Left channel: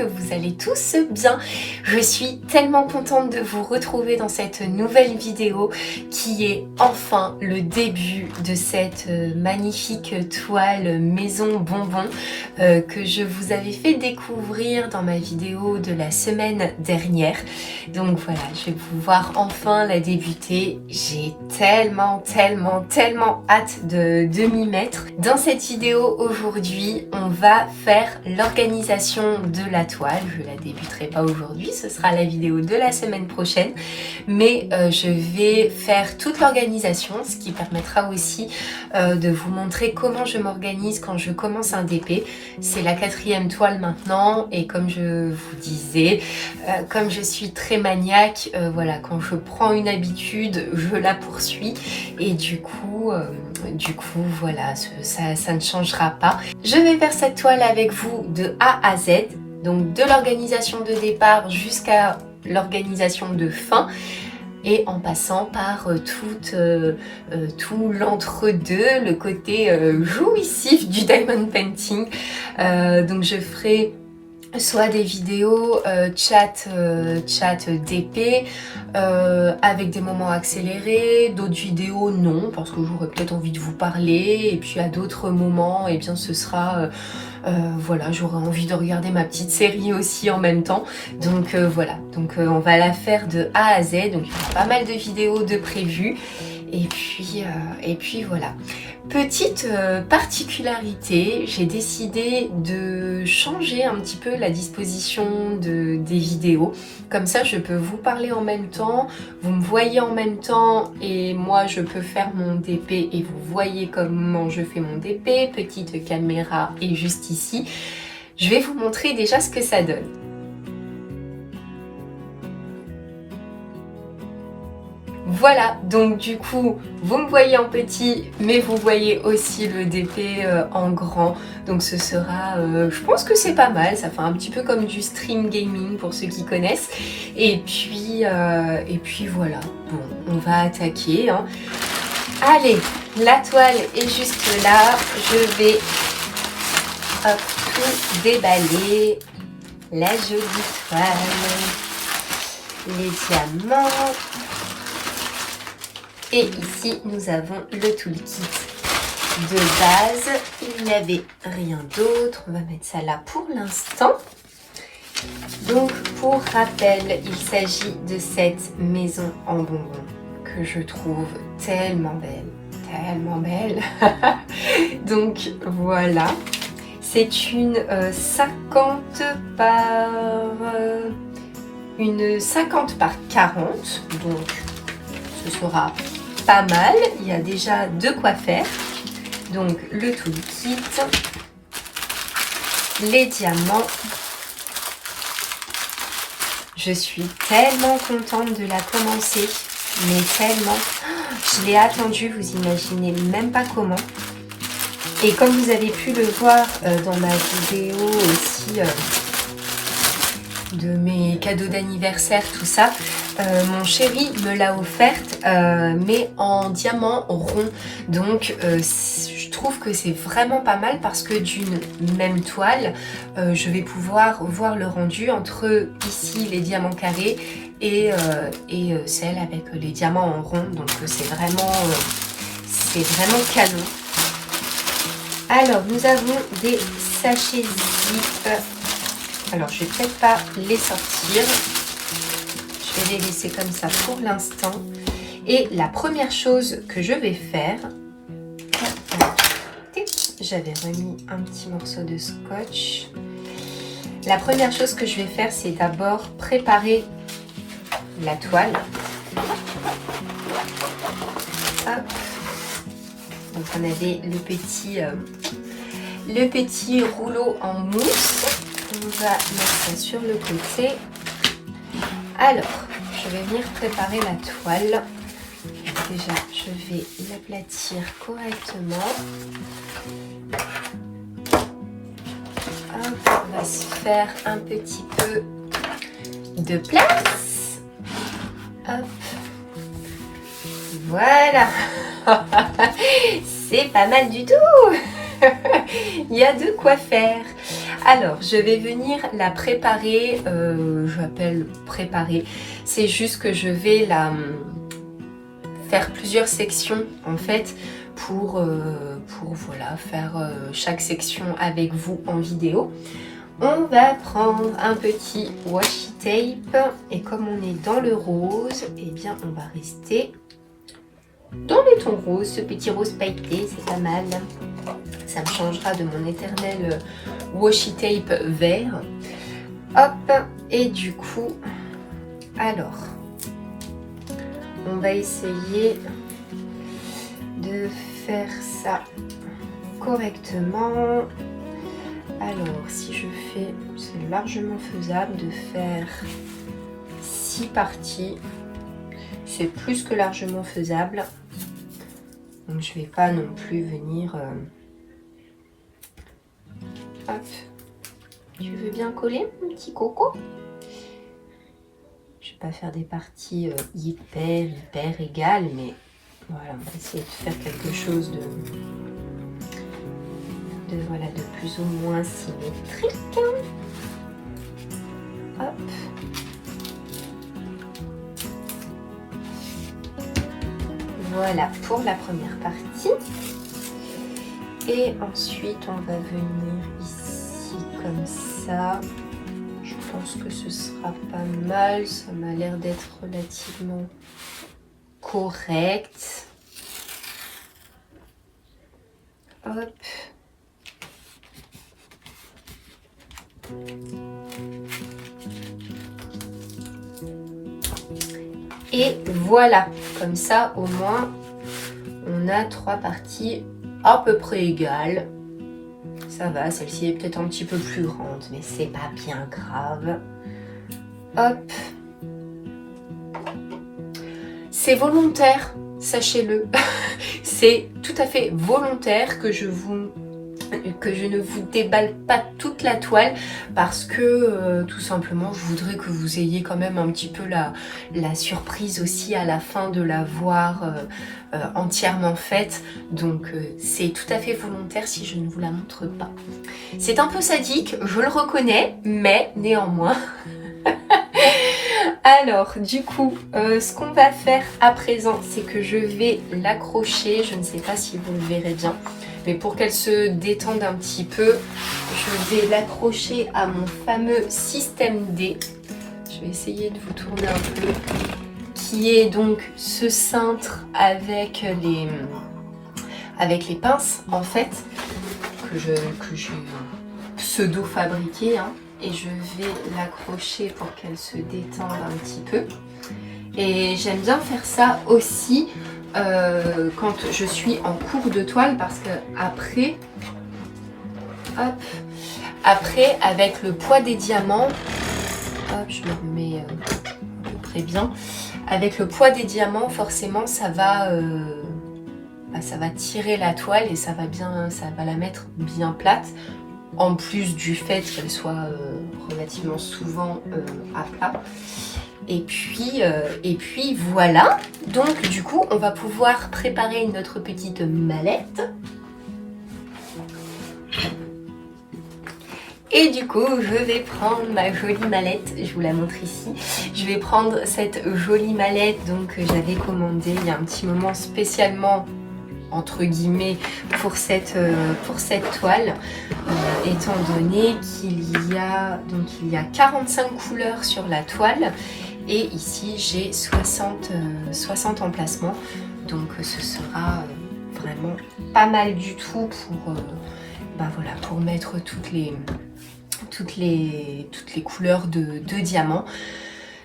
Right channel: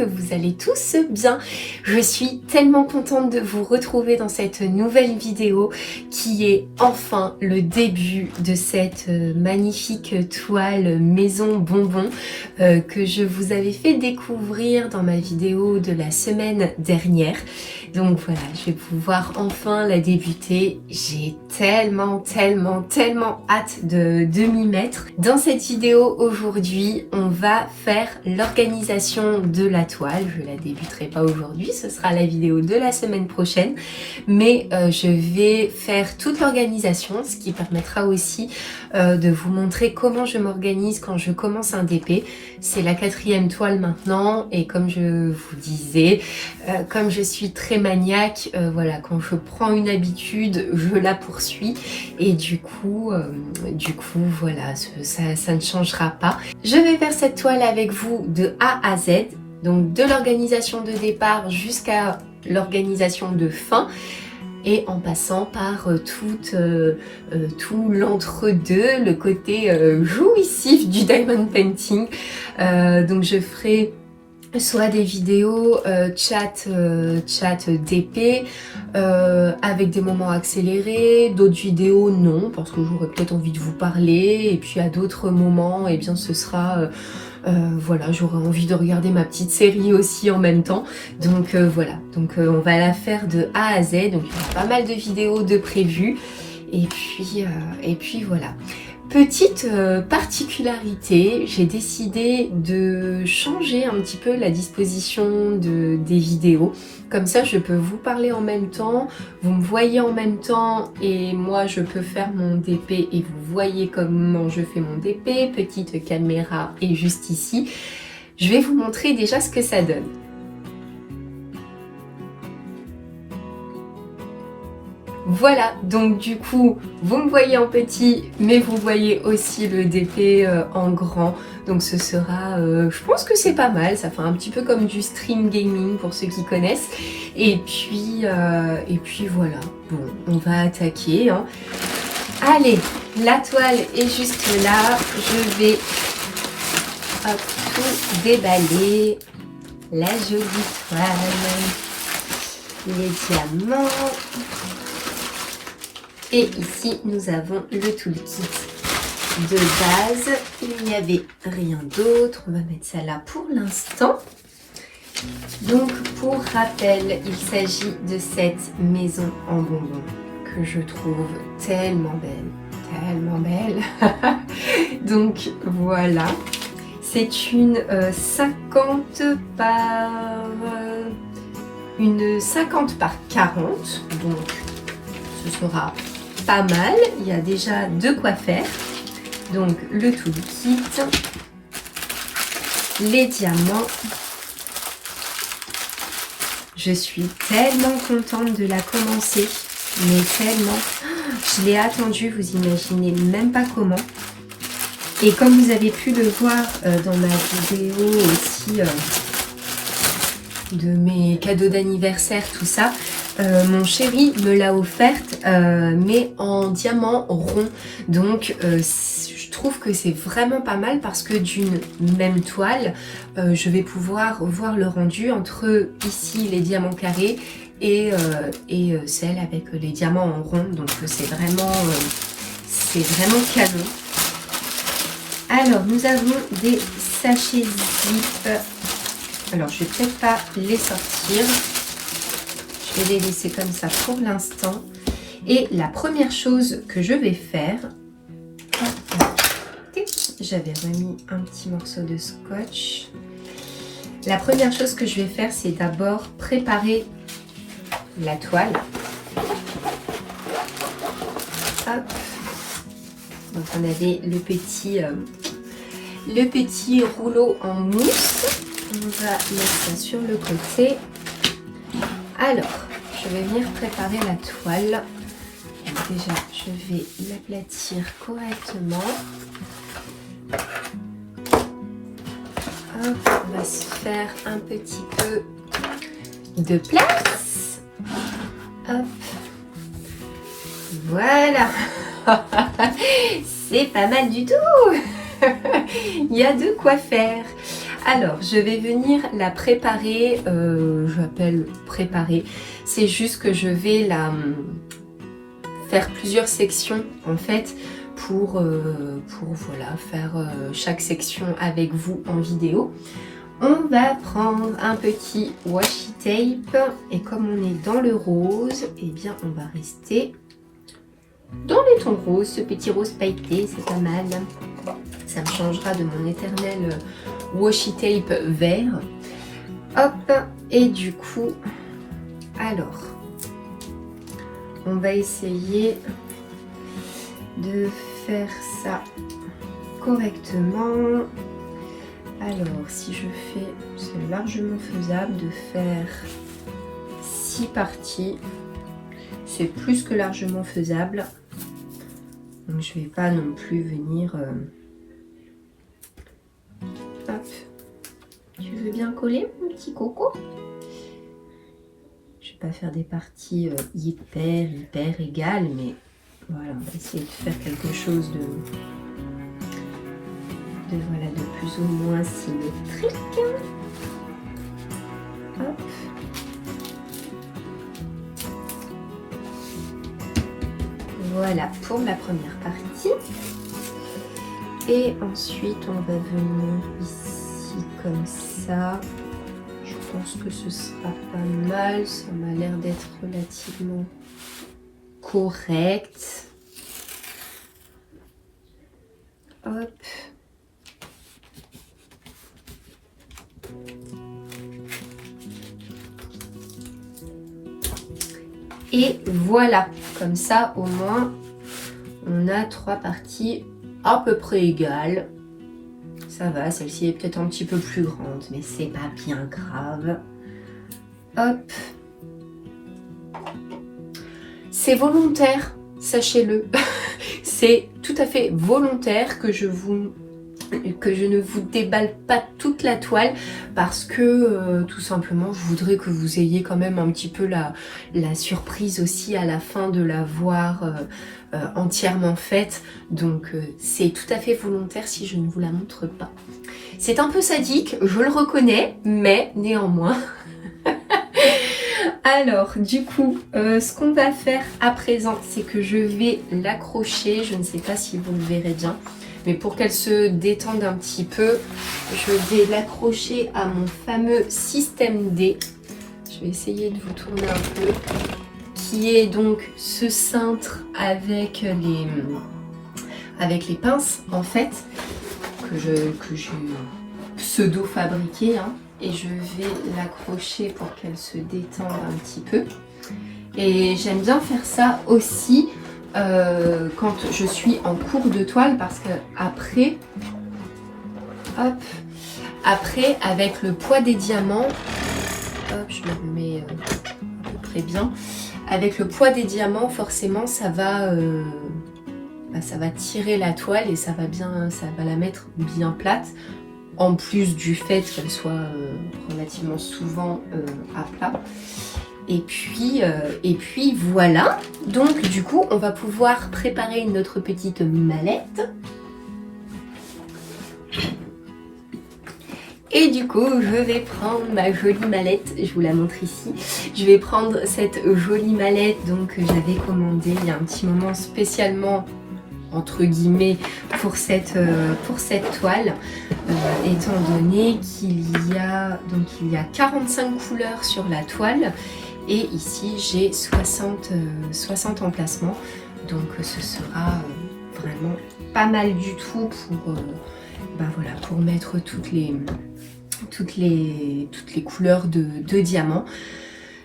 que vous allez tous bien. Je suis tellement contente de vous retrouver dans cette nouvelle vidéo qui est enfin le début de cette magnifique toile maison bonbon que je vous avais fait découvrir dans ma vidéo de la semaine dernière. Donc voilà, je vais pouvoir enfin la débuter. J'ai tellement hâte de m'y mettre. Dans cette vidéo aujourd'hui, on va faire l'organisation de la toile. Je la débuterai pas aujourd'hui, ce sera la vidéo de la semaine prochaine. Mais je vais faire toute l'organisation, ce qui permettra aussi de vous montrer comment je m'organise quand je commence un DP. C'est la 4e toile maintenant et comme je vous disais, comme je suis très maniaque, voilà, quand je prends une habitude, je la poursuis et du coup voilà, ça ne changera pas. Je vais faire cette toile avec vous de A à Z, donc de l'organisation de départ jusqu'à l'organisation de fin, et en passant par tout l'entre-deux, le côté jouissif du diamond painting. Donc je ferai soit des vidéos chat DP avec des moments accélérés, d'autres vidéos non, parce que j'aurais peut-être envie de vous parler, et puis à d'autres moments, et bien ce sera voilà, j'aurais envie de regarder ma petite série aussi en même temps. Donc voilà, donc on va la faire de A à Z, donc il y a pas mal de vidéos de prévues, et puis voilà. Petite particularité, j'ai décidé de changer un petit peu la disposition des vidéos. Comme ça, je peux vous parler en même temps, vous me voyez en même temps et moi, je peux faire mon DP et vous voyez comment je fais mon DP. Petite caméra est juste ici. Je vais vous montrer déjà ce que ça donne. Voilà, donc du coup, vous me voyez en petit, mais vous voyez aussi le DP en grand. Donc ce sera, je pense que c'est pas mal, ça fait un petit peu comme du stream gaming pour ceux qui connaissent. Et puis voilà, bon, on va attaquer, hein. Allez, la toile est juste là, je vais tout déballer. La jolie toile, les diamants. Et ici, nous avons le toolkit de base. Il n'y avait rien d'autre. On va mettre ça là pour l'instant. Donc, pour rappel, il s'agit de cette maison en bonbons que je trouve tellement belle. Donc, voilà. C'est une 50 par 40. Donc, ce sera pas mal, il y a déjà de quoi faire. Donc le toolkit, les diamants. Je suis tellement contente de la commencer, mais tellement. Je l'ai attendue, vous imaginez même pas comment. Et comme vous avez pu le voir dans ma vidéo aussi de mes cadeaux d'anniversaire, tout ça, mon chéri me l'a offerte, mais en diamant rond. Donc je trouve que c'est vraiment pas mal parce que d'une même toile, je vais pouvoir voir le rendu entre ici les diamants carrés et celle avec les diamants en rond. Donc c'est vraiment canon. Alors nous avons des sachets zip. Alors je vais peut-être pas les sortir. Je vais les laisser comme ça pour l'instant. Et la première chose que je vais faire, j'avais remis un petit morceau de scotch. La première chose que je vais faire, c'est d'abord préparer la toile. Hop. Donc on avait le petit rouleau en mousse. On va mettre ça sur le côté. Alors, je vais venir préparer la toile. Déjà, je vais l'aplatir correctement. Hop, on va se faire un petit peu de place. Hop. Voilà. C'est pas mal du tout. Il y a de quoi faire. Alors, je vais venir la préparer, j'appelle préparer, c'est juste que je vais la faire plusieurs sections en fait pour voilà, faire chaque section avec vous en vidéo. On va prendre un petit washi tape et comme on est dans le rose, eh bien on va rester dans les tons roses, ce petit rose pailleté, c'est pas mal. Ça me changera de mon éternel washi tape vert. Hop, et du coup, alors, on va essayer de faire ça correctement. Alors, si je fais, c'est largement faisable de faire 6 parties. C'est plus que largement faisable. Donc, je vais pas non plus venir... Hop. Tu veux bien coller, mon petit coco? Je vais pas faire des parties hyper égales, mais voilà, on va essayer de faire quelque chose voilà, de plus ou moins symétrique. Hop. Voilà pour la première partie. Et ensuite, on va venir ici comme ça. Je pense que ce sera pas mal. Ça m'a l'air d'être relativement correct. Hop. Et voilà, comme ça au moins on a 3 parties à peu près égales. Ça va, celle-ci est peut-être un petit peu plus grande, mais c'est pas bien grave. Hop. C'est volontaire, sachez-le. C'est tout à fait volontaire que je ne vous déballe pas toute la toile parce que tout simplement je voudrais que vous ayez quand même un petit peu la surprise aussi à la fin de la voir entièrement faite. Donc c'est tout à fait volontaire si je ne vous la montre pas. C'est un peu sadique, je le reconnais, mais néanmoins. Alors du coup, ce qu'on va faire à présent, c'est que je vais l'accrocher. Je ne sais pas si vous le verrez bien. Mais pour qu'elle se détende un petit peu, je vais l'accrocher à mon fameux système D. Je vais essayer de vous tourner un peu. Qui est donc ce cintre avec les pinces, en fait, que j'ai pseudo-fabriqué. Hein, et je vais l'accrocher pour qu'elle se détende un petit peu. Et j'aime bien faire ça aussi quand je suis en cours de toile parce que après, hop, après avec le poids des diamants, hop, je le remets à peu près bien. Avec le poids des diamants, forcément, ça va tirer la toile et ça va la mettre bien plate. En plus du fait qu'elle soit relativement souvent à plat. Et puis voilà, donc du coup on va pouvoir préparer notre petite mallette. Et du coup je vais prendre ma jolie mallette, je vous la montre ici. Je vais prendre cette jolie mallette donc que j'avais commandée il y a un petit moment spécialement entre guillemets pour cette toile, étant donné qu'il y a 45 couleurs sur la toile. Et ici, j'ai 60 emplacements. Donc, ce sera vraiment pas mal du tout pour mettre toutes les couleurs de diamants.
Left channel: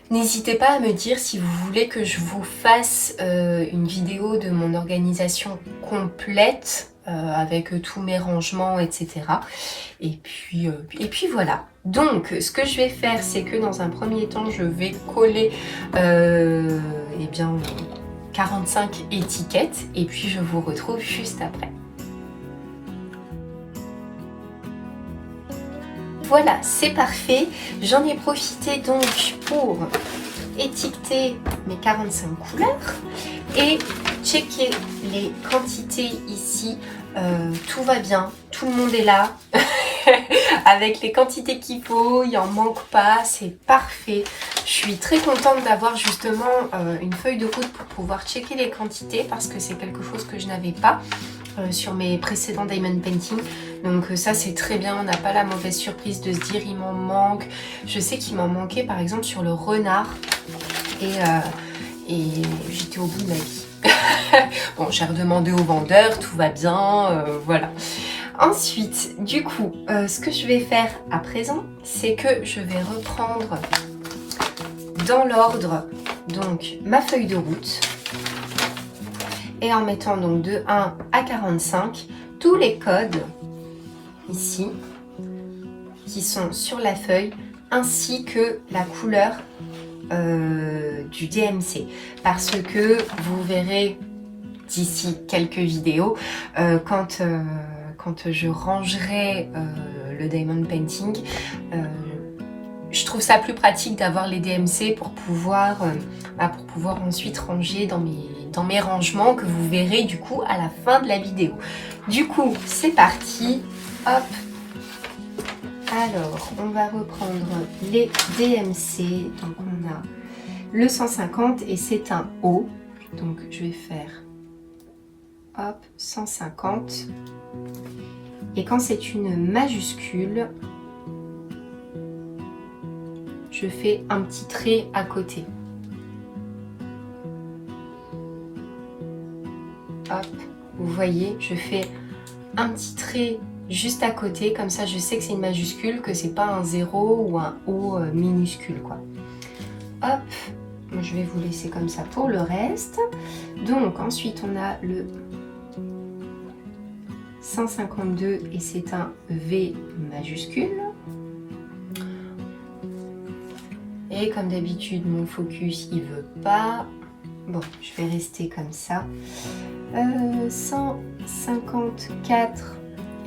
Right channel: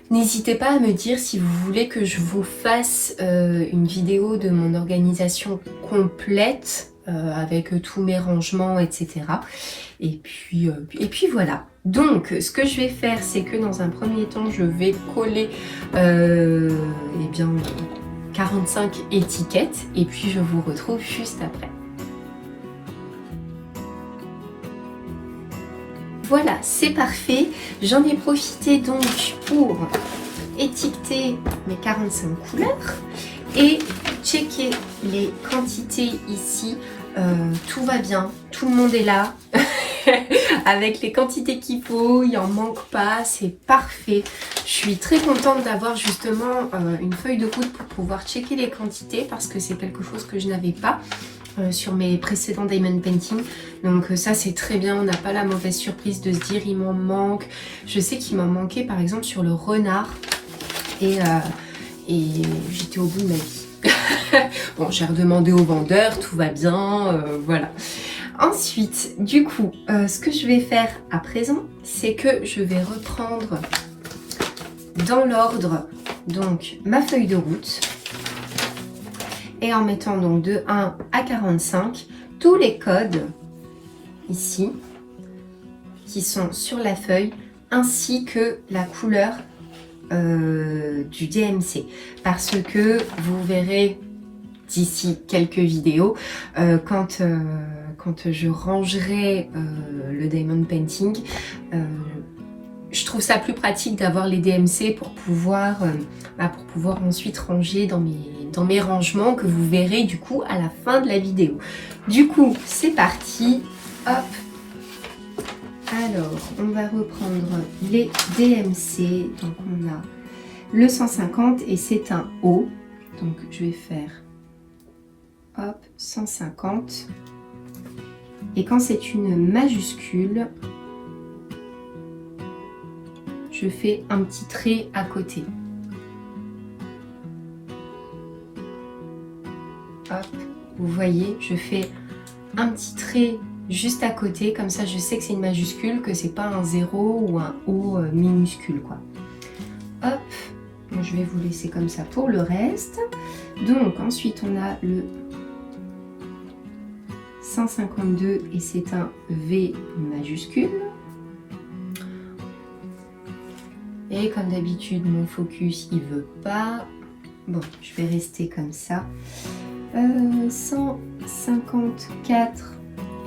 N'hésitez pas à me dire si vous voulez que je vous fasse une vidéo de mon organisation complète avec tous mes rangements, etc. Et puis voilà. Donc, ce que je vais faire, c'est que dans un premier temps, je vais coller 45 étiquettes et puis je vous retrouve juste après. Voilà, c'est parfait. J'en ai profité donc pour étiqueter mes 45 couleurs et checker les quantités ici. Tout va bien, tout le monde est là. avec les quantités qu'il faut, il en manque pas, c'est parfait. Je suis très contente d'avoir justement une feuille de route pour pouvoir checker les quantités parce que c'est quelque chose que je n'avais pas sur mes précédents diamond painting. Donc ça c'est très bien, on n'a pas la mauvaise surprise de se dire il m'en manque. Je sais qu'il m'en manquait par exemple sur le renard et j'étais au bout de ma vie. Bon, j'ai redemandé au vendeur, tout va bien, voilà. Ensuite, du coup, ce que je vais faire à présent, c'est que je vais reprendre dans l'ordre donc ma feuille de route et en mettant donc de 1 à 45 tous les codes ici qui sont sur la feuille ainsi que la couleur du DMC parce que vous verrez d'ici quelques vidéos quand je rangerai le diamond painting, je trouve ça plus pratique d'avoir les DMC pour pouvoir ensuite ranger dans mes rangements que vous verrez du coup à la fin de la vidéo. Du coup, c'est parti, hop. Alors, on va reprendre les DMC. Donc, on a le 150 et c'est un O. Donc, je vais faire hop, 150. Et quand c'est une majuscule, je fais un petit trait à côté. Hop, vous voyez, je fais un petit trait juste à côté, comme ça je sais que c'est une majuscule, que c'est pas un 0 ou un O minuscule quoi. Hop, je vais vous laisser comme ça pour le reste. Donc ensuite on a le 152 et c'est un V majuscule. Et comme d'habitude mon focus il veut pas. Bon, je vais rester comme ça. 154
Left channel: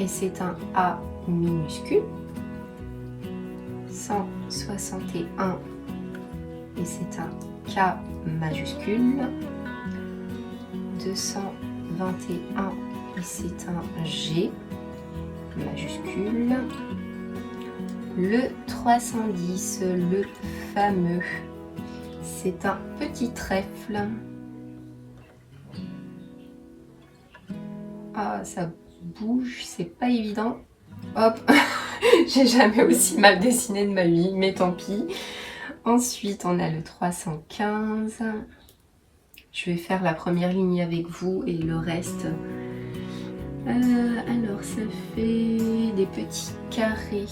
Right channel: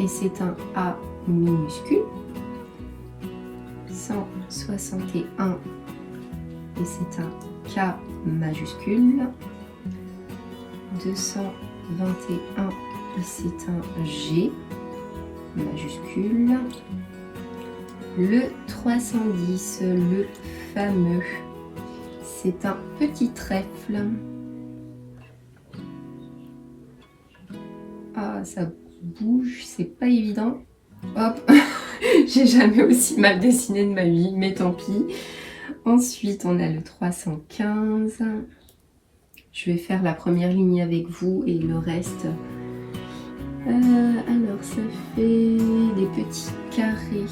et c'est un A minuscule. 161 et c'est un K majuscule. 221 et c'est un G majuscule. Le 310, le fameux, c'est un petit trèfle. Ah, ça bouge, c'est pas évident. Hop, j'ai jamais aussi mal dessiné de ma vie, mais tant pis. Ensuite, on a le 315. Je vais faire la première ligne avec vous et le reste. Alors, ça fait des petits carrés.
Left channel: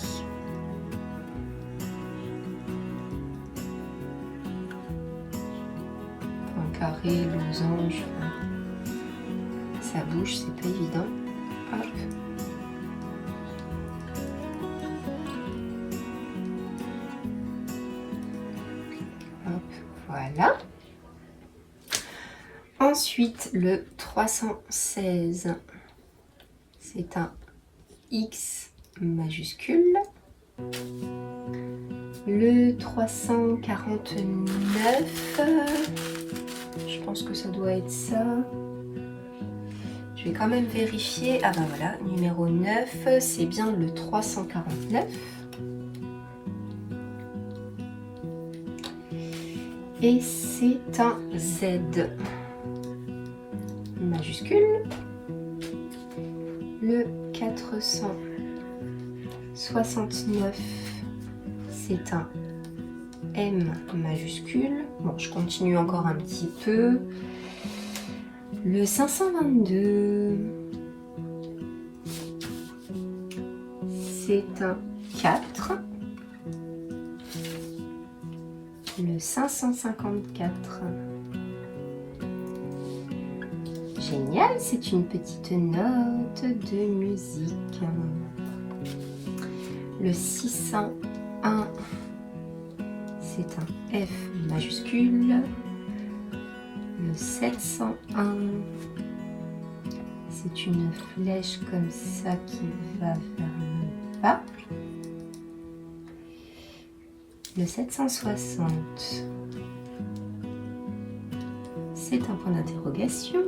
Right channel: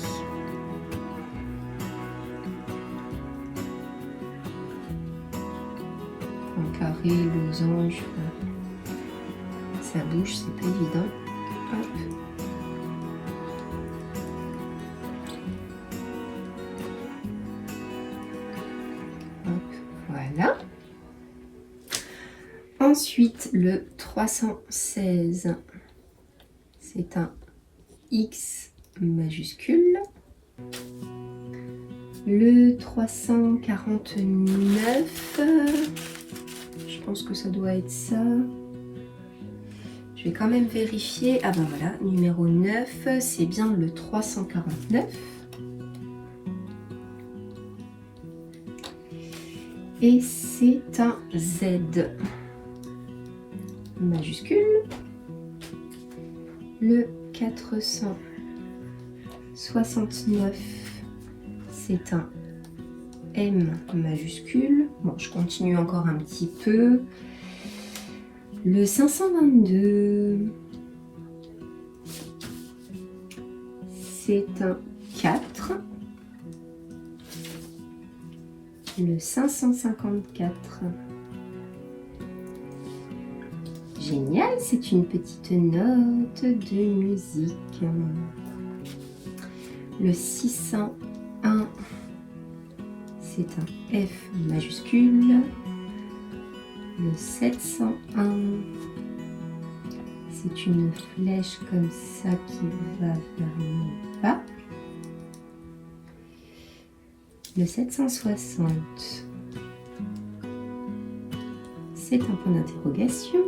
Un carré, losange. Ça bouge, c'est pas évident. Hop. Hop, voilà. Ensuite, le 316, c'est un X majuscule. Le 349, je pense que ça doit être ça. Je vais quand même vérifier. Ah ben voilà, numéro 9, c'est bien le 349. Et c'est un Z majuscule. Le 469, c'est un M majuscule. Bon, je continue encore un petit peu. Le 522, c'est un 4. Le 554, génial, c'est une petite note de musique. Le 601, c'est un F majuscule. Le 701, c'est une flèche comme ça qui va vers le bas. Le 760, c'est un point d'interrogation.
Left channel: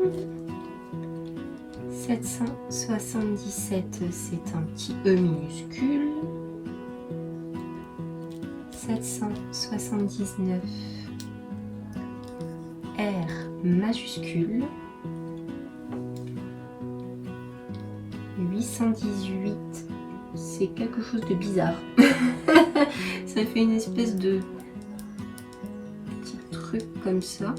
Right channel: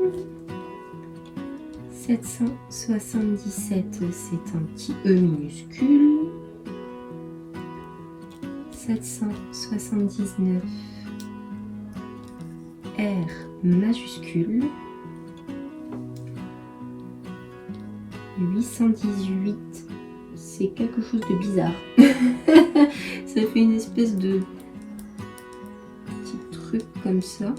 777, c'est un petit E minuscule. 779 R majuscule, 818, c'est quelque chose de bizarre. Ça fait une espèce de petit truc comme ça.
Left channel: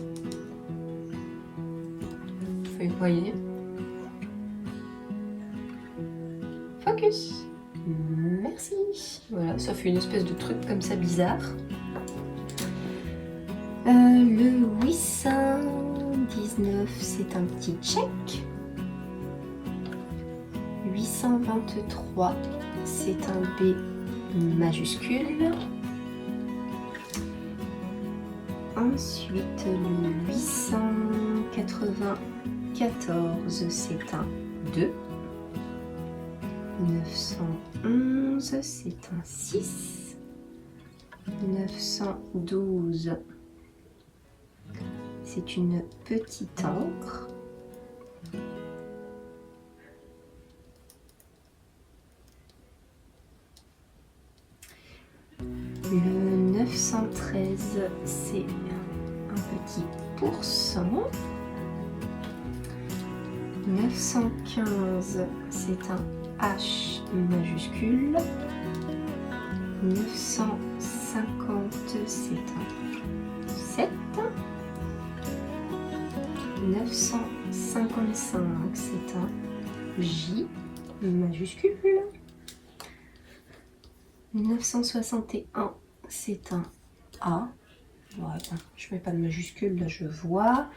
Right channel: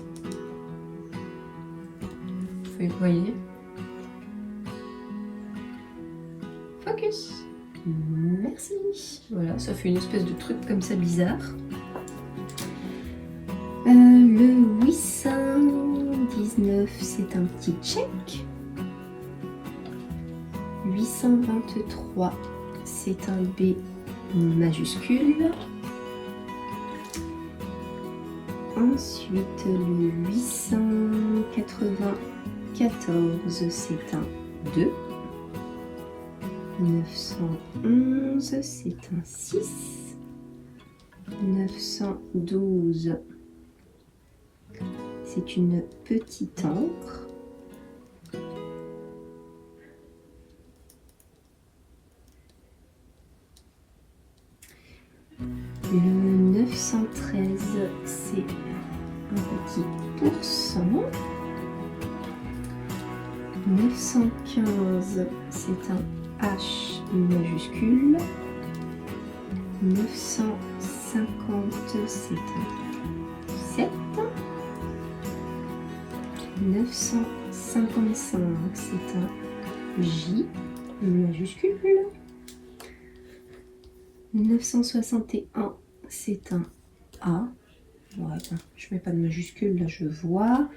Vous voyez. Focus. Merci. Voilà, ça fait une espèce de truc comme ça bizarre. Le 819, c'est un petit check. 823, c'est un B majuscule. Ensuite, le 894, c'est un 2. 911, c'est un 6. 912, c'est une petite encre. Le 913, c'est un petit pourcent. 915, c'est un H majuscule. 950, c'est un 7. 955, c'est un J majuscule. 961, c'est un A. Bon, attends, je mets pas de majuscule, là je vois.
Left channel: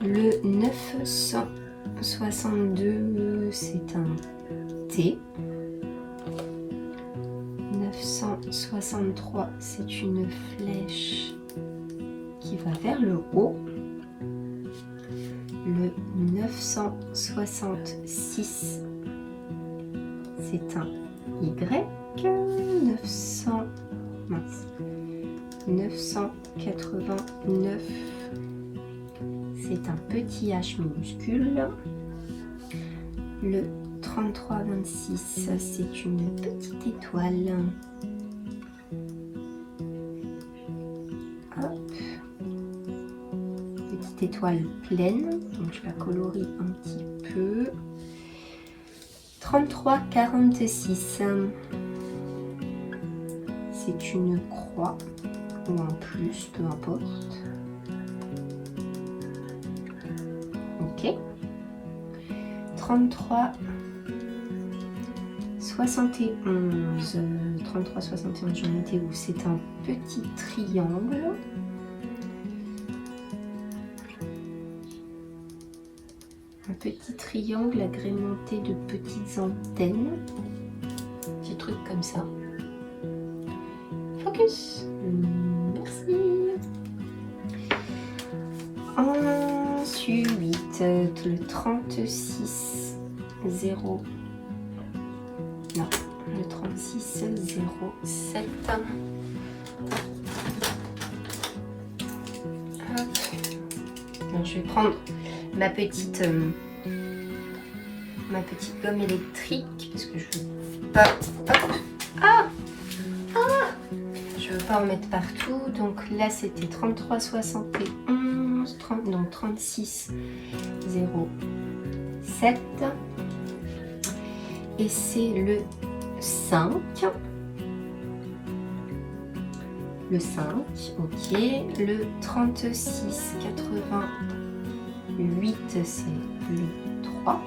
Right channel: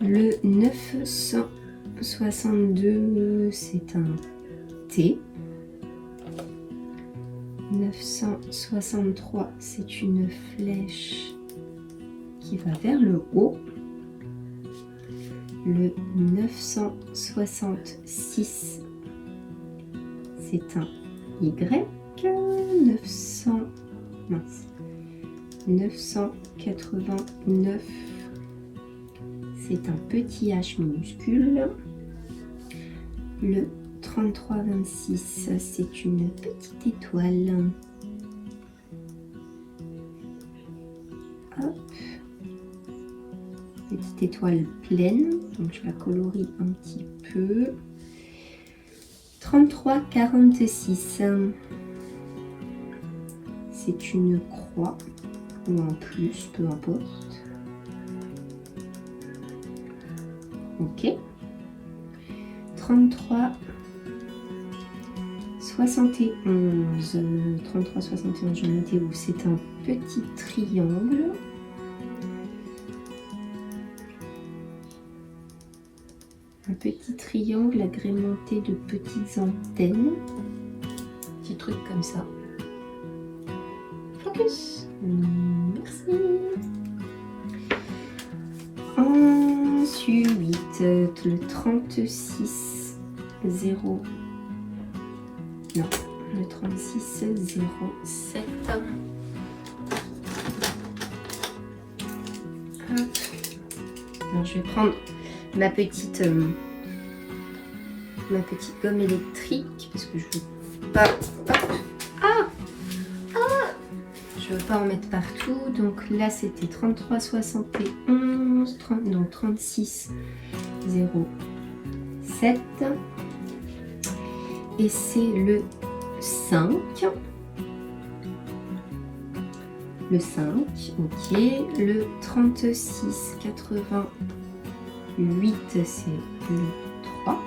Le 962, c'est un T. 963, c'est une flèche qui va vers le haut. Le 966, c'est un Y. 989, c'est un petit H minuscule. Le 3326, c'est une petite étoile. Hop. Petite étoile pleine, donc je la colorie un petit peu. 3346, c'est une croix ou un plus, peu importe. Ok. 33 71, 33 71, j'en étais où? C'est un petit triangle. Un petit triangle agrémenté de petites antennes. Petit truc comme ça. Focus. Merci. Ensuite, le 36 0. Non, le 36 07. Hop. Alors, je vais prendre ma petite gomme électrique parce que je veux pas. Hop. Je veux pas en mettre partout. Donc là c'était 33 71, donc 36 07 et c'est le 5. Le 5, ok. Le 36 88, c'est le 3.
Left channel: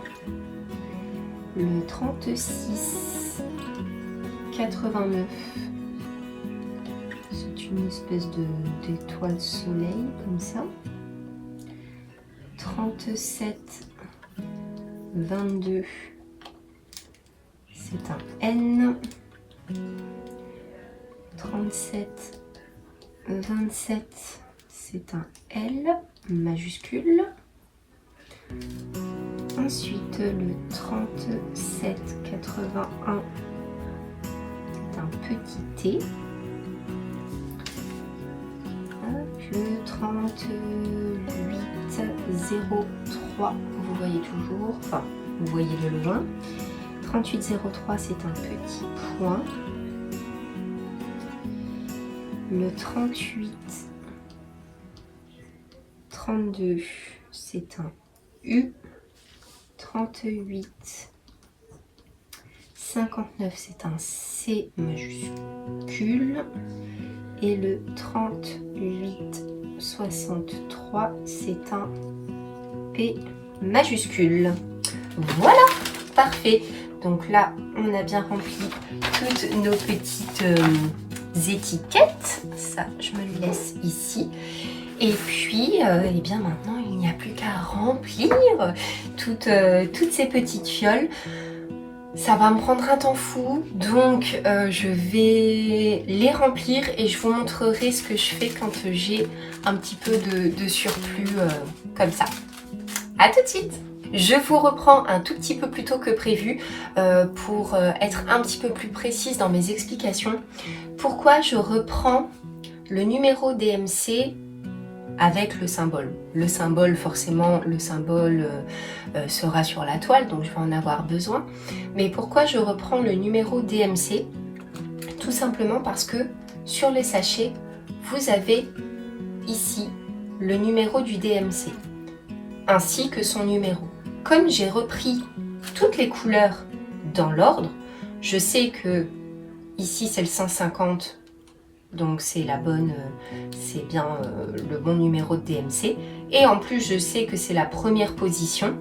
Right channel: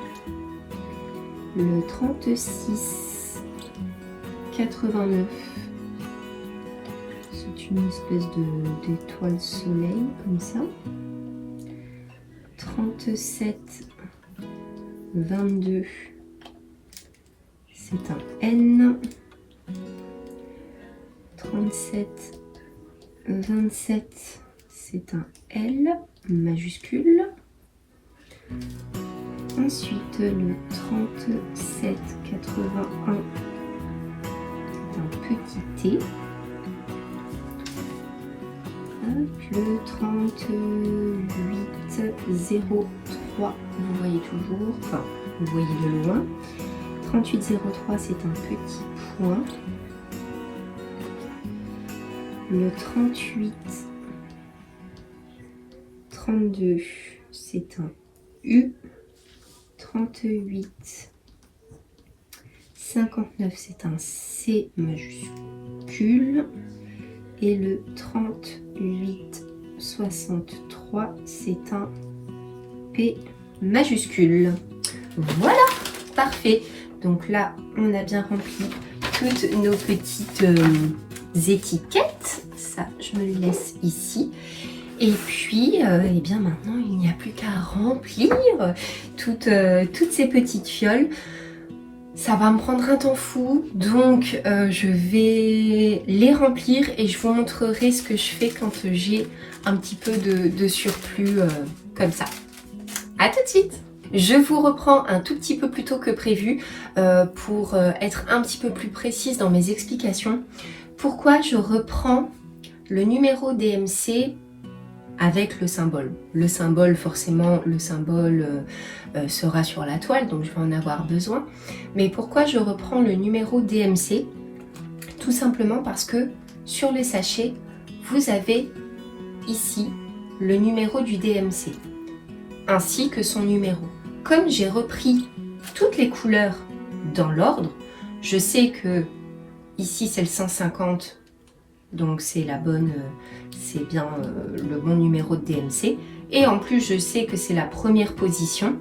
Le 36 89, c'est une espèce d'étoile soleil comme ça. 37 22, c'est un N. 37 27, c'est un L majuscule. Ensuite, le 37 81, c'est un petit T. Hop, le 38 03, vous voyez toujours, enfin, vous voyez de loin. 38 03, c'est un petit point. Le 38, 32, c'est un U. 38, 59, c'est un C majuscule. Et le 38, 63, c'est un P majuscule. Voilà, parfait. Donc là, on a bien rempli toutes nos petites étiquettes. Ça, je me le laisse ici. Et puis, eh bien maintenant, il n'y a plus qu'à remplir toutes ces petites fioles. Ça va me prendre un temps fou, donc je vais les remplir et je vous montrerai ce que je fais quand j'ai un petit peu de surplus comme ça. À tout de suite! Je vous reprends un tout petit peu plus tôt que prévu pour être un petit peu plus précise dans mes explications. Pourquoi je reprends le numéro DMC avec le symbole. Le symbole, forcément, le symbole sera sur la toile, donc je vais en avoir besoin. Mais pourquoi je reprends le numéro DMC? Tout simplement parce que sur le sachet, vous avez ici le numéro du DMC, ainsi que son numéro. Comme j'ai repris toutes les couleurs dans l'ordre, je sais que ici c'est le 150, donc c'est la bonne, c'est bien le bon numéro de DMC. Et en plus, je sais que c'est la première position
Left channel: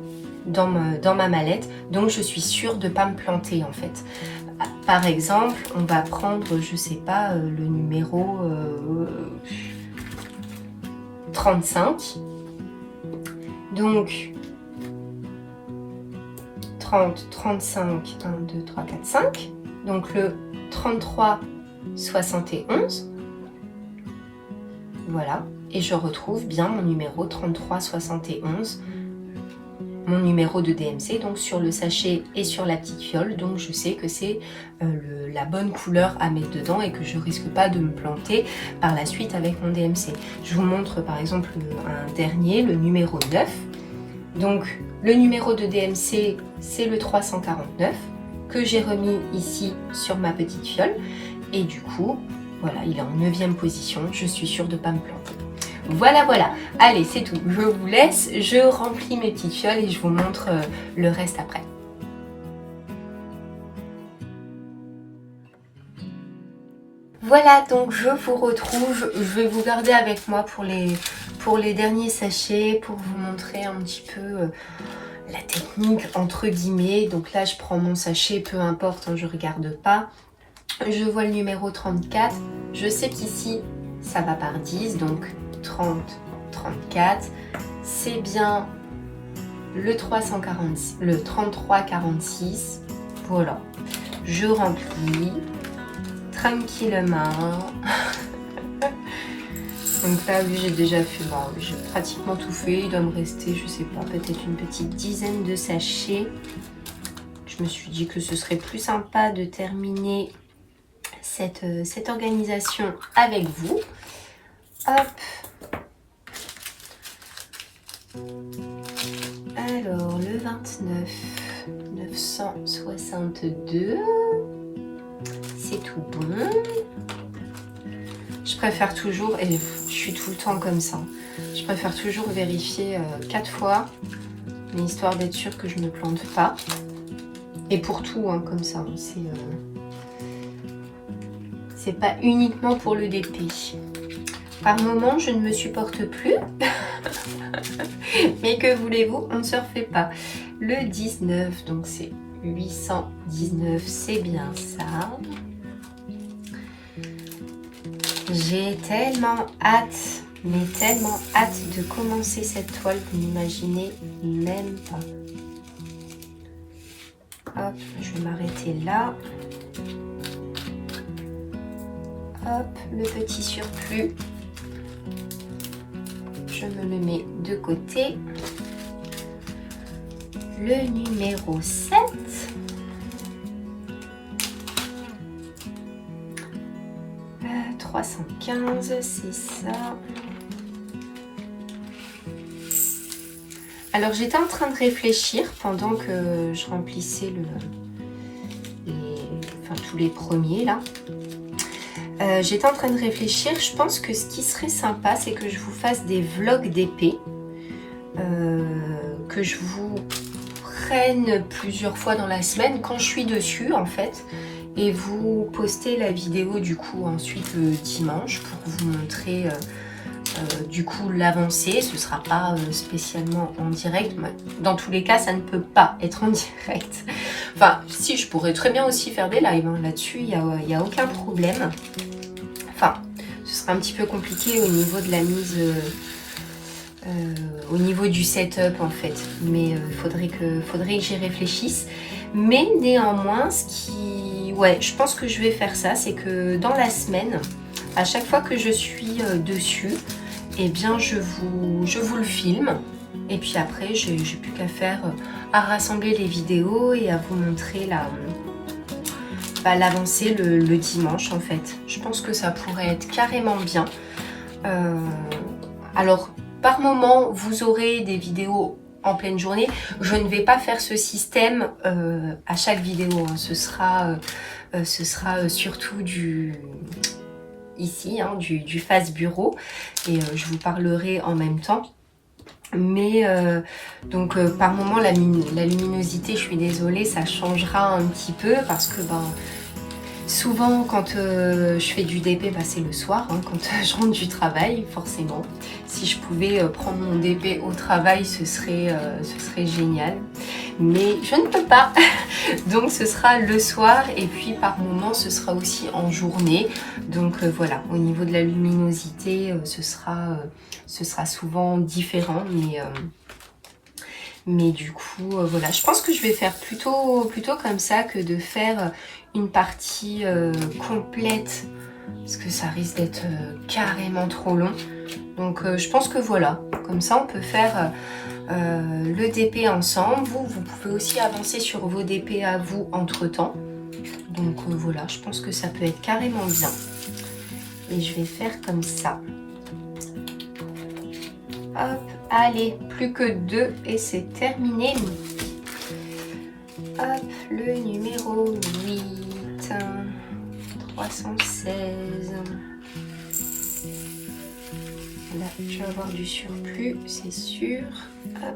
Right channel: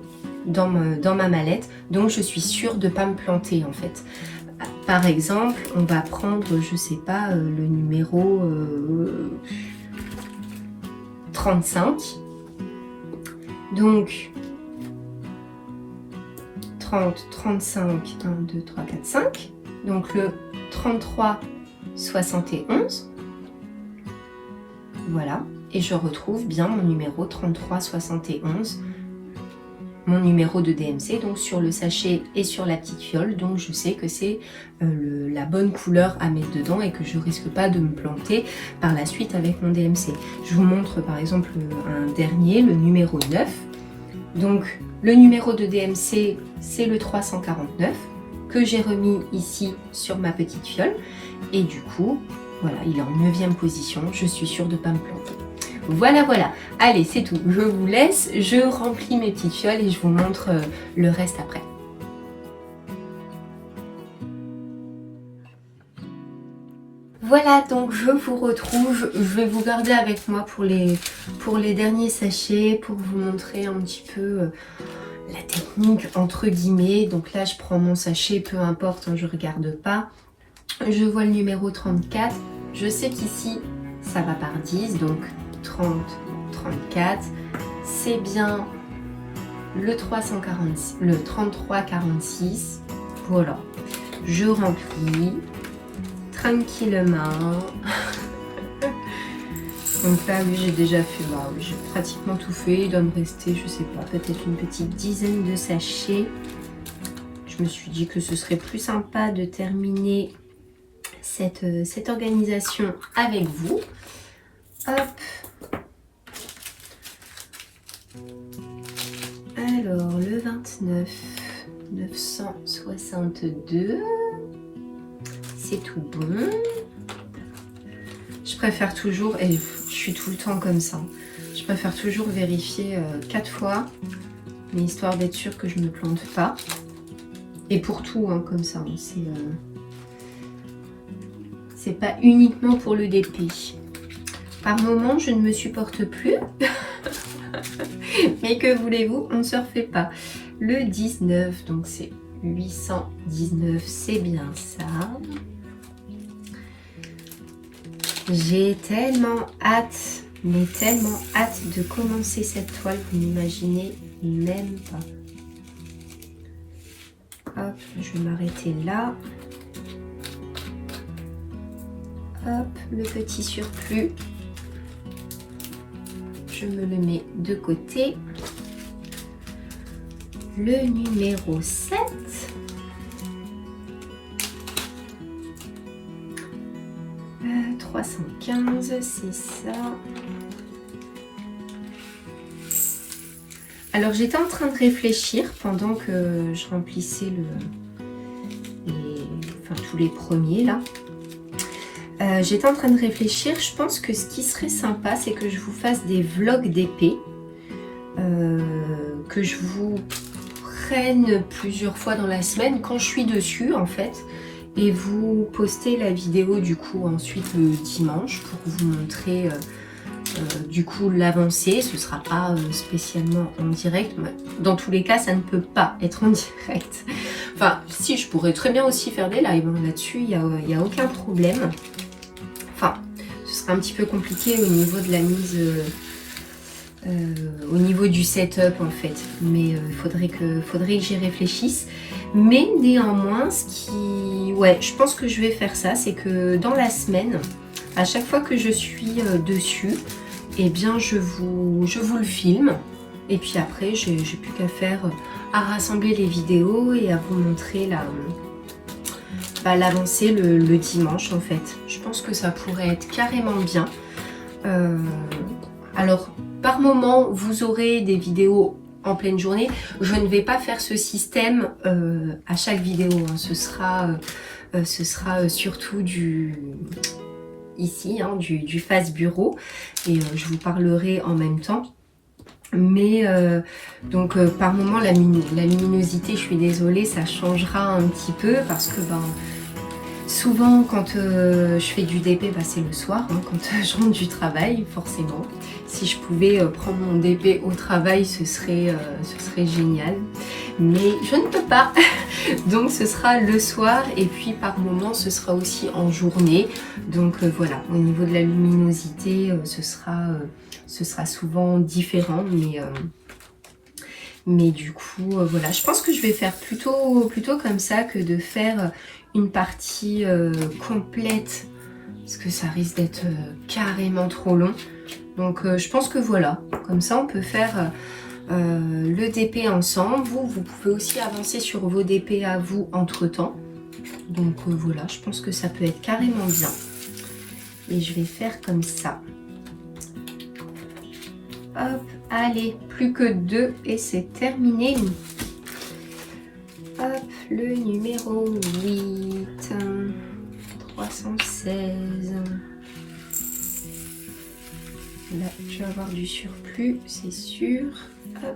dans ma mallette, donc je suis sûre de ne pas me planter en fait. Par exemple, on va prendre, je sais pas, le numéro 35. Donc 30, 35, 1, 2, 3, 4, 5. Donc le 33, 71. Voilà. Et je retrouve bien mon numéro 33, 71. Mon numéro de DMC, donc sur le sachet et sur la petite fiole. Donc je sais que c'est la bonne couleur à mettre dedans et que je risque pas de me planter par la suite avec mon DMC. Je vous montre par exemple un dernier, le numéro 9. Donc le numéro de DMC, c'est le 349 que j'ai remis ici sur ma petite fiole. Et du coup, voilà, il est en 9e position. Je suis sûre de ne pas me planter. Voilà, voilà. Allez, c'est tout. Je vous laisse. Je remplis mes petites fioles et je vous montre le reste après. Voilà, donc je vous retrouve. Je vais vous garder avec moi pour les derniers sachets, pour vous montrer un petit peu la technique entre guillemets. Donc là, je prends mon sachet, peu importe, hein, je ne regarde pas. Je vois le numéro 34. Je sais qu'ici, ça va par 10, donc 30, 34. C'est bien le 33, 46. Voilà. Je remplis tranquillement. Donc là, oui, j'ai déjà fait, bah, j'ai pratiquement tout fait. Il doit me rester, je sais pas, peut-être une petite dizaine de sachets. Je me suis dit que ce serait plus sympa de terminer cette organisation avec vous. Hop. Alors, le 29, 962. C'est tout bon. Je préfère toujours, et je suis tout le temps comme ça, je préfère toujours vérifier 4 fois, mais histoire d'être sûre que je ne me plante pas. Et pour tout, hein, comme ça, c'est pas uniquement pour le DP. Par moment, je ne me supporte plus. Mais que voulez-vous, on ne se refait pas. Le 19, donc c'est 819, c'est bien ça. J'ai tellement hâte, mais tellement hâte de commencer cette toile que vous n'imaginez même pas. Hop, je vais m'arrêter là. Hop, le petit surplus. Je me le mets de côté. Le numéro 7. Euh, 315, c'est ça. Alors j'étais en train de réfléchir pendant que je remplissais tous les premiers là. J'étais en train de réfléchir, je pense que ce qui serait sympa, c'est que je vous fasse des vlogs d'épée, que je vous prenne plusieurs fois dans la semaine quand je suis dessus en fait, et vous postez la vidéo du coup ensuite le dimanche pour vous montrer du coup l'avancée. Ce sera pas spécialement en direct, mais dans tous les cas ça ne peut pas être en direct. Enfin si, je pourrais très bien aussi faire des lives hein. Là-dessus il y a aucun problème. Enfin ce serait un petit peu compliqué au niveau de la mise au niveau du setup en fait, mais il faudrait que j'y réfléchisse. Mais néanmoins, je pense que je vais faire ça, c'est que dans la semaine, à chaque fois que je suis dessus, eh bien je vous le filme, et puis après j'ai plus qu'à faire à rassembler les vidéos et à vous montrer l'avancée le dimanche en fait. Je pense que ça pourrait être carrément bien. Alors par moment vous aurez des vidéos en pleine journée. Je ne vais pas faire ce système à chaque vidéo hein. Ce sera surtout ici hein, du face bureau, et je vous parlerai en même temps. Mais donc par moment la luminosité, je suis désolée, ça changera un petit peu parce que souvent quand je fais du DP, c'est le soir hein, quand je rentre du travail forcément. Si je pouvais prendre mon DP au travail, ce serait génial. Mais je ne peux pas. Donc ce sera le soir, et puis par moment ce sera aussi en journée. Donc voilà, au niveau de la luminosité, ce sera souvent différent. Mais du coup, voilà, je pense que je vais faire plutôt comme ça que de faire une partie complète, parce que ça risque d'être carrément trop long. Donc je pense que voilà, comme ça on peut faire le DP ensemble. Vous pouvez aussi avancer sur vos DP à vous entre temps. Donc voilà, je pense que ça peut être carrément bien. Et je vais faire comme ça. Hop, allez, plus que 2 et c'est terminé. Hop, le numéro 8, 316. Là, je vais avoir du surplus, c'est sûr. Hop.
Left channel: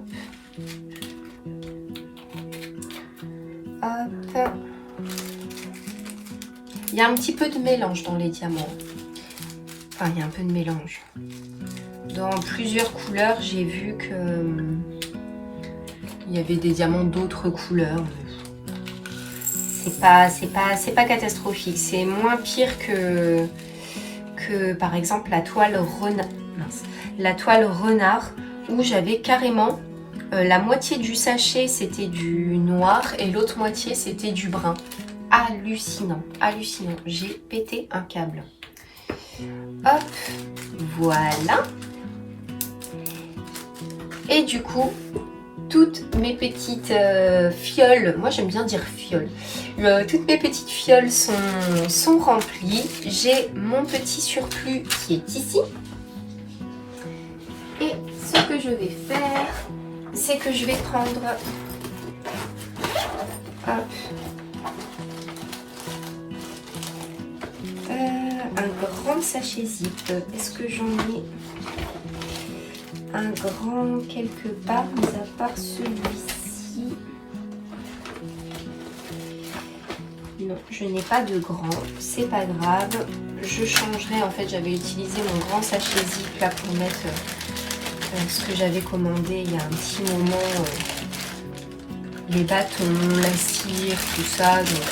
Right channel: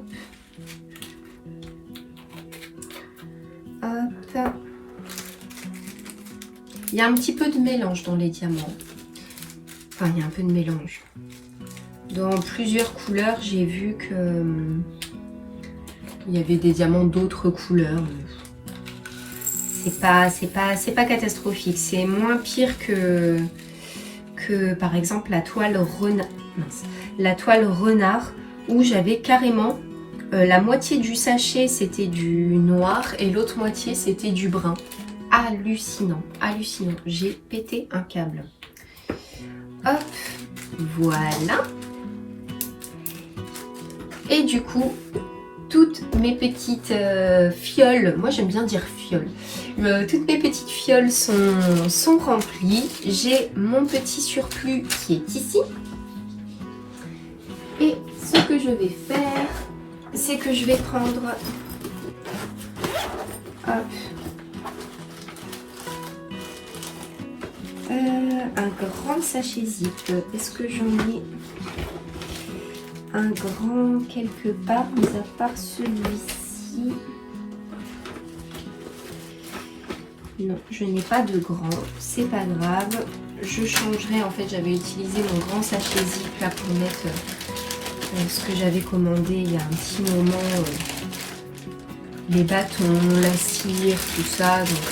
Hop. Il y a un petit peu de mélange dans les diamants. Enfin, il y a un peu de mélange. Dans plusieurs couleurs, j'ai vu que il y avait des diamants d'autres couleurs. C'est pas catastrophique. C'est moins pire que par exemple la toile renard. La toile renard, où j'avais carrément la moitié du sachet c'était du noir et l'autre moitié c'était du brun. Hallucinant, hallucinant. J'ai pété un câble. Hop, voilà. Et du coup, toutes mes petites fioles, moi j'aime bien dire fioles, toutes mes petites fioles sont remplies. J'ai mon petit surplus qui est ici. Et ce que je vais faire, c'est que je vais prendre un grand sachet zip. Est-ce que j'en ai un grand quelque part, mis à part celui-ci? Non, je n'ai pas de grand, c'est pas grave. Je changerai, en fait j'avais utilisé mon grand sachet zip là pour mettre ce que j'avais commandé il y a un petit moment, les bâtons, la cire, tout ça. Donc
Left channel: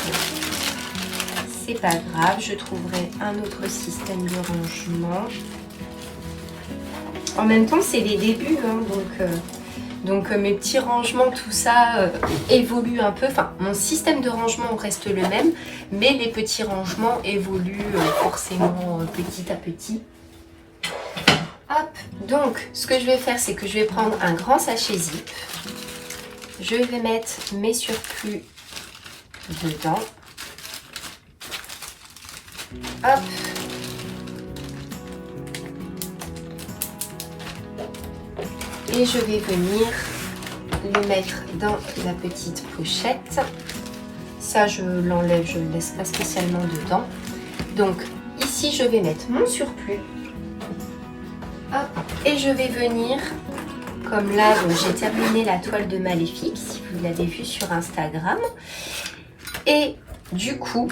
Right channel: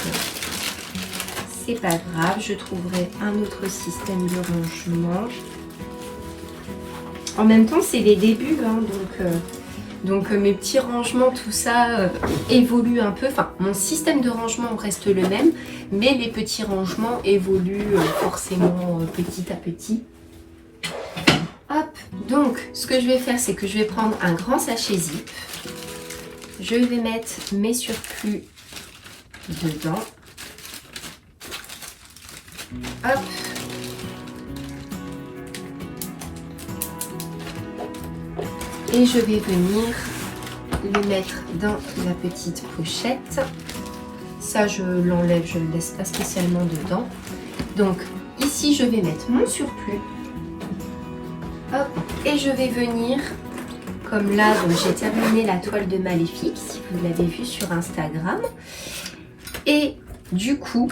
c'est pas grave, je trouverai un autre système de rangement. En même temps, c'est les débuts, hein, donc mes petits rangements, tout ça évolue un peu. Enfin, mon système de rangement reste le même, mais les petits rangements évoluent forcément petit à petit. Hop, donc ce que je vais faire, c'est que je vais prendre un grand sachet zip. Je vais mettre mes surplus dedans. Hop. Et je vais venir le mettre dans la petite pochette. Ça, je l'enlève, je ne le laisse pas spécialement dedans. Donc, ici, ici, je vais mettre mon surplus. Hop, et je vais venir, comme là, j'ai terminé la toile de Maléfique, si vous l'avez vu sur Instagram. Et du coup,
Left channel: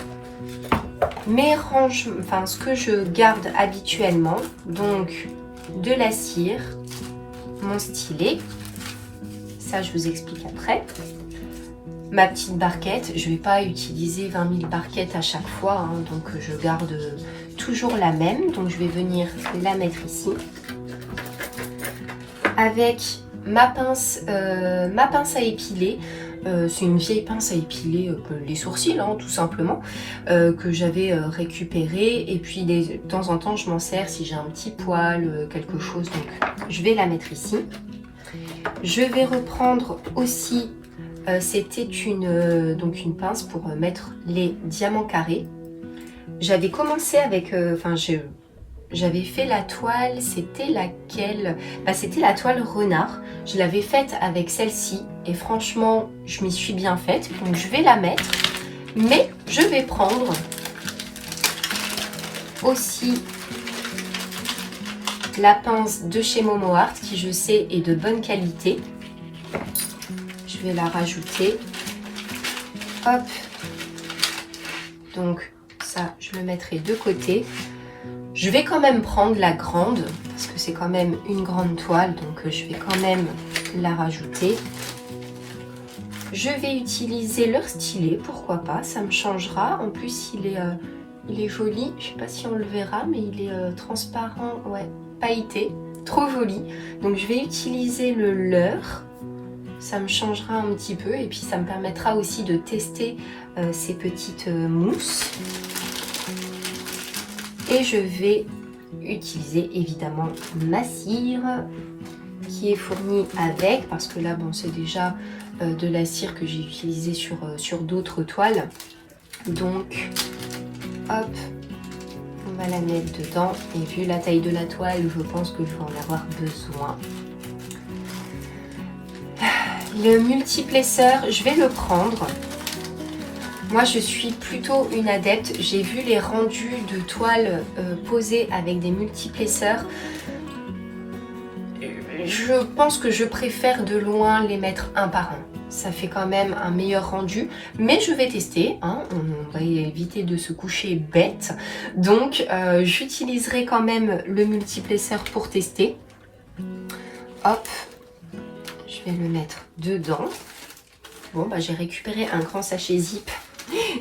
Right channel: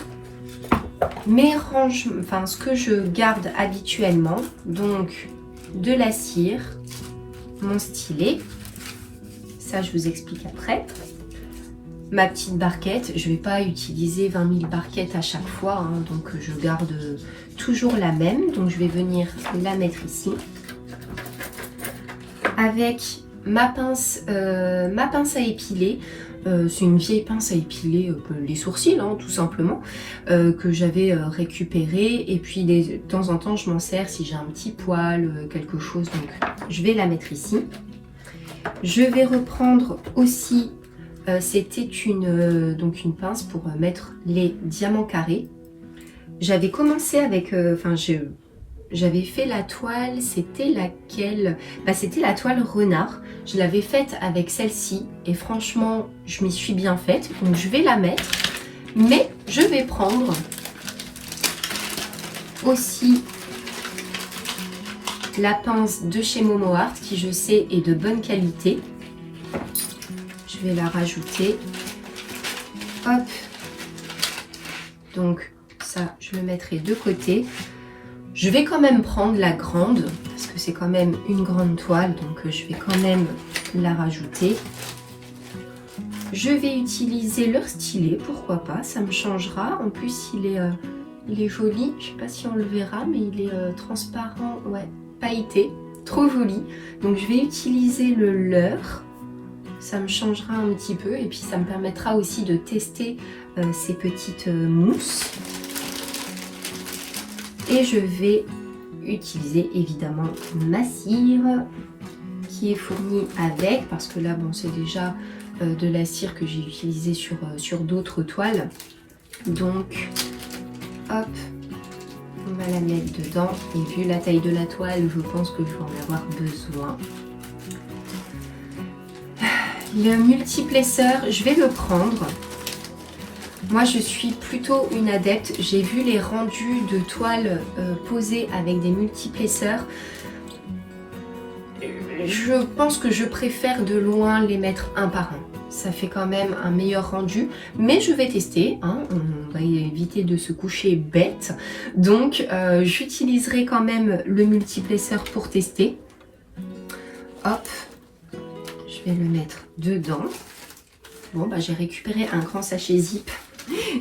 mes rangements, enfin ce que je garde habituellement, donc de la cire, mon stylet, ça je vous explique après. Ma petite barquette, je ne vais pas utiliser 20 000 barquettes à chaque fois, hein, donc je garde toujours la même. Donc je vais venir la mettre ici. Avec ma pince à épiler. C'est une vieille pince à épiler les sourcils, hein, tout simplement, que j'avais récupérée. Et puis de temps en temps, je m'en sers si j'ai un petit poil, quelque chose. Donc je vais la mettre ici. Je vais reprendre aussi... c'était donc une pince pour mettre les diamants carrés. J'avais commencé avec, j'avais fait la toile, c'était laquelle? C'était la toile renard. Je l'avais faite avec celle-ci et franchement, je m'y suis bien faite. Donc je vais la mettre, mais je vais prendre aussi la pince de chez Momo Art qui, je sais, est de bonne qualité. Je vais la rajouter. Hop. Donc ça, je le mettrai de côté. Je vais quand même prendre la grande, parce que c'est quand même une grande toile, donc je vais quand même la rajouter. Je vais utiliser leur stylet, pourquoi pas, ça me changera. En plus, il est joli, je sais pas si on le verra, mais il est transparent, ouais, pailleté, trop joli. Donc je vais utiliser le leur. Ça me changera un petit peu et puis ça me permettra aussi de tester ces petites mousses. Et je vais utiliser évidemment ma cire qui est fournie avec, parce que là bon c'est déjà de la cire que j'ai utilisée sur d'autres toiles. Donc hop, on va la mettre dedans et vu la taille de la toile, je pense que je vais en avoir besoin. Le multiplesseur, je vais le prendre. Moi, je suis plutôt une adepte. J'ai vu les rendus de toiles posées avec des multiplesseurs. Je pense que je préfère de loin les mettre un par un. Ça fait quand même un meilleur rendu. Mais je vais tester. Hein. On va éviter de se coucher bête. Donc, j'utiliserai quand même le multiplesseur pour tester. Hop. Je vais le mettre dedans. Bon, j'ai récupéré un grand sachet zip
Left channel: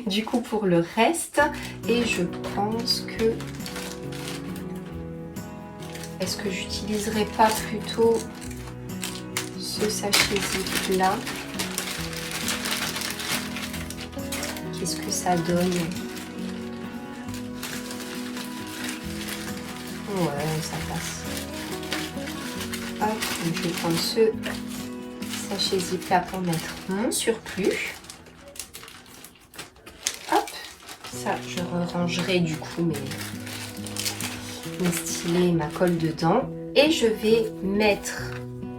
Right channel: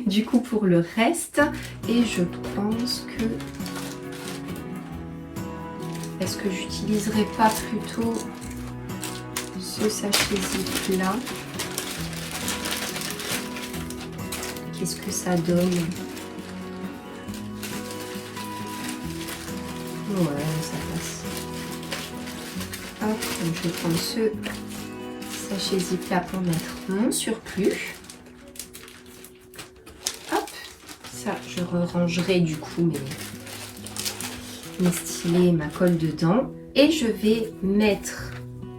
du coup pour le reste. Et je pense que... Est-ce que j'utiliserai pas plutôt ce sachet zip là? Qu'est-ce que ça donne? Ouais, ça passe. Hop, donc je vais prendre ce sachet zip là pour mettre mon surplus. Hop, ça je rangerai du coup mes stylets, ma colle dedans. Et je vais mettre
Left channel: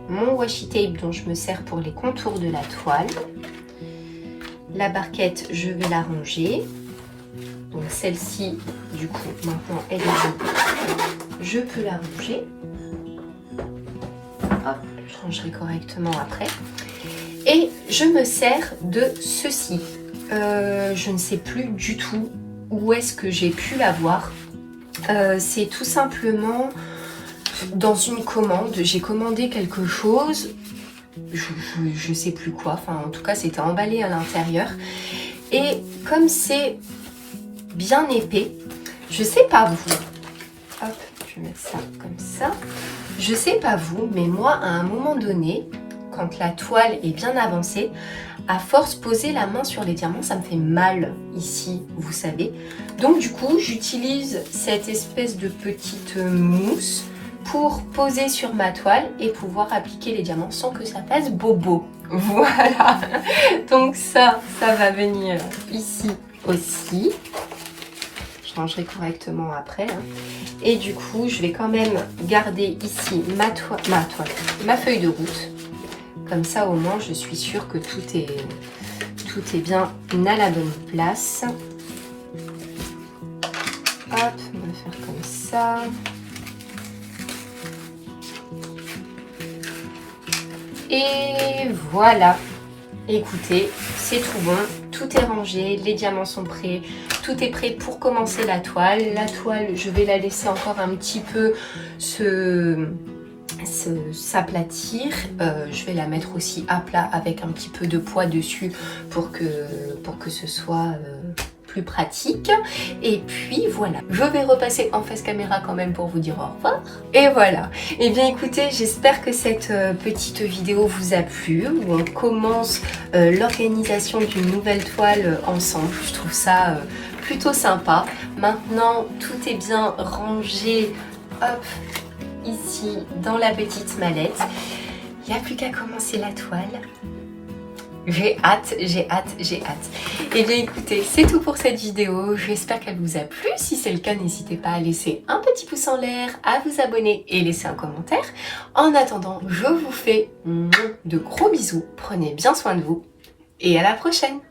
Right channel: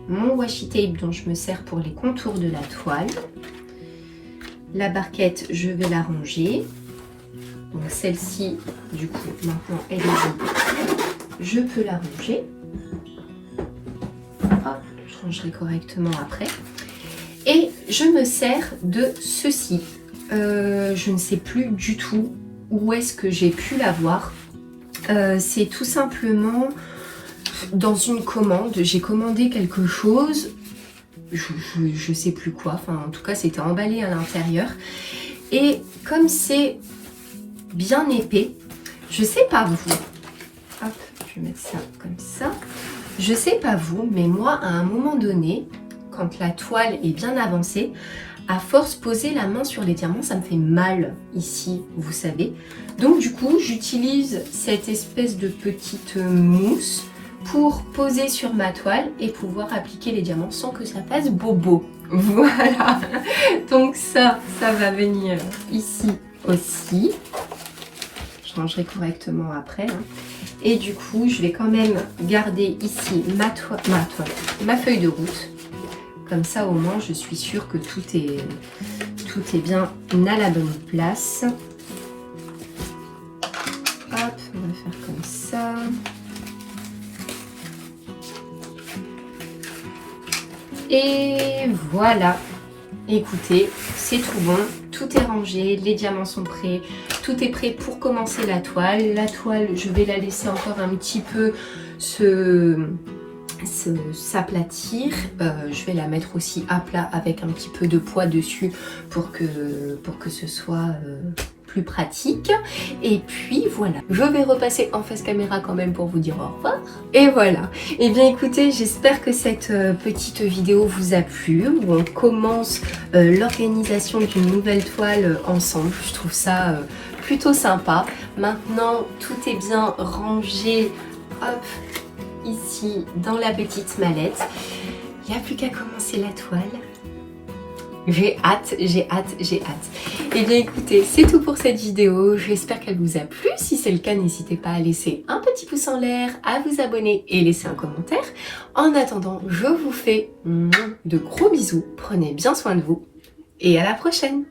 mon washi tape dont je me sers pour les contours de la toile. La barquette, je vais la ranger. Donc celle-ci, du coup, maintenant elle est dedans. Je peux la ranger. Hop, je rangerai correctement après. Et je me sers de ceci. Je ne sais plus du tout où est-ce que j'ai pu l'avoir. C'est tout simplement dans une commande. J'ai commandé quelque chose. Je sais plus quoi. Enfin, en tout cas, c'était emballé à l'intérieur. Et comme c'est bien épais, je sais pas vous. Hop, je vais mettre ça comme ça. Je sais pas vous, mais moi, à un moment donné, quand la toile est bien avancée, à force poser la main sur les diamants, ça me fait mal ici, vous savez. Donc du coup, j'utilise cette espèce de petite mousse pour poser sur ma toile et pouvoir appliquer les diamants sans que ça fasse bobo. Voilà. Donc ça va venir ici aussi. Je rangerai correctement après. Hein. Et du coup, je vais quand même garder ici ma feuille de route. Comme ça, au moins, je suis sûre que tout est bien à la bonne place. Hop, on va faire là. Et voilà. Écoutez, c'est tout bon. Tout est rangé, les diamants sont prêts. Tout est prêt pour commencer la toile. La toile, je vais la laisser encore un petit peu s'aplatir. Je vais la mettre aussi à plat avec un petit peu de poids dessus pour que ce soit plus pratique. Et puis voilà, je vais repasser en face caméra quand même pour vous dire au revoir. Et voilà. Et bien écoutez, j'espère que cette petite vidéo vous a plu, où on commence l'organisation d'une nouvelle toile ensemble. Je trouve ça plutôt sympa. Maintenant, tout est bien rangé. Hop, ici dans la petite mallette. Il n'y a plus qu'à commencer la toile. J'ai hâte, j'ai hâte, j'ai hâte. Et bien écoutez, c'est tout pour cette vidéo. J'espère qu'elle vous a plu. Si c'est le cas, n'hésitez pas à laisser un petit pouce en l'air, à vous abonner et laisser un commentaire. En attendant, je vous fais de gros bisous. Prenez bien soin de vous et à la prochaine.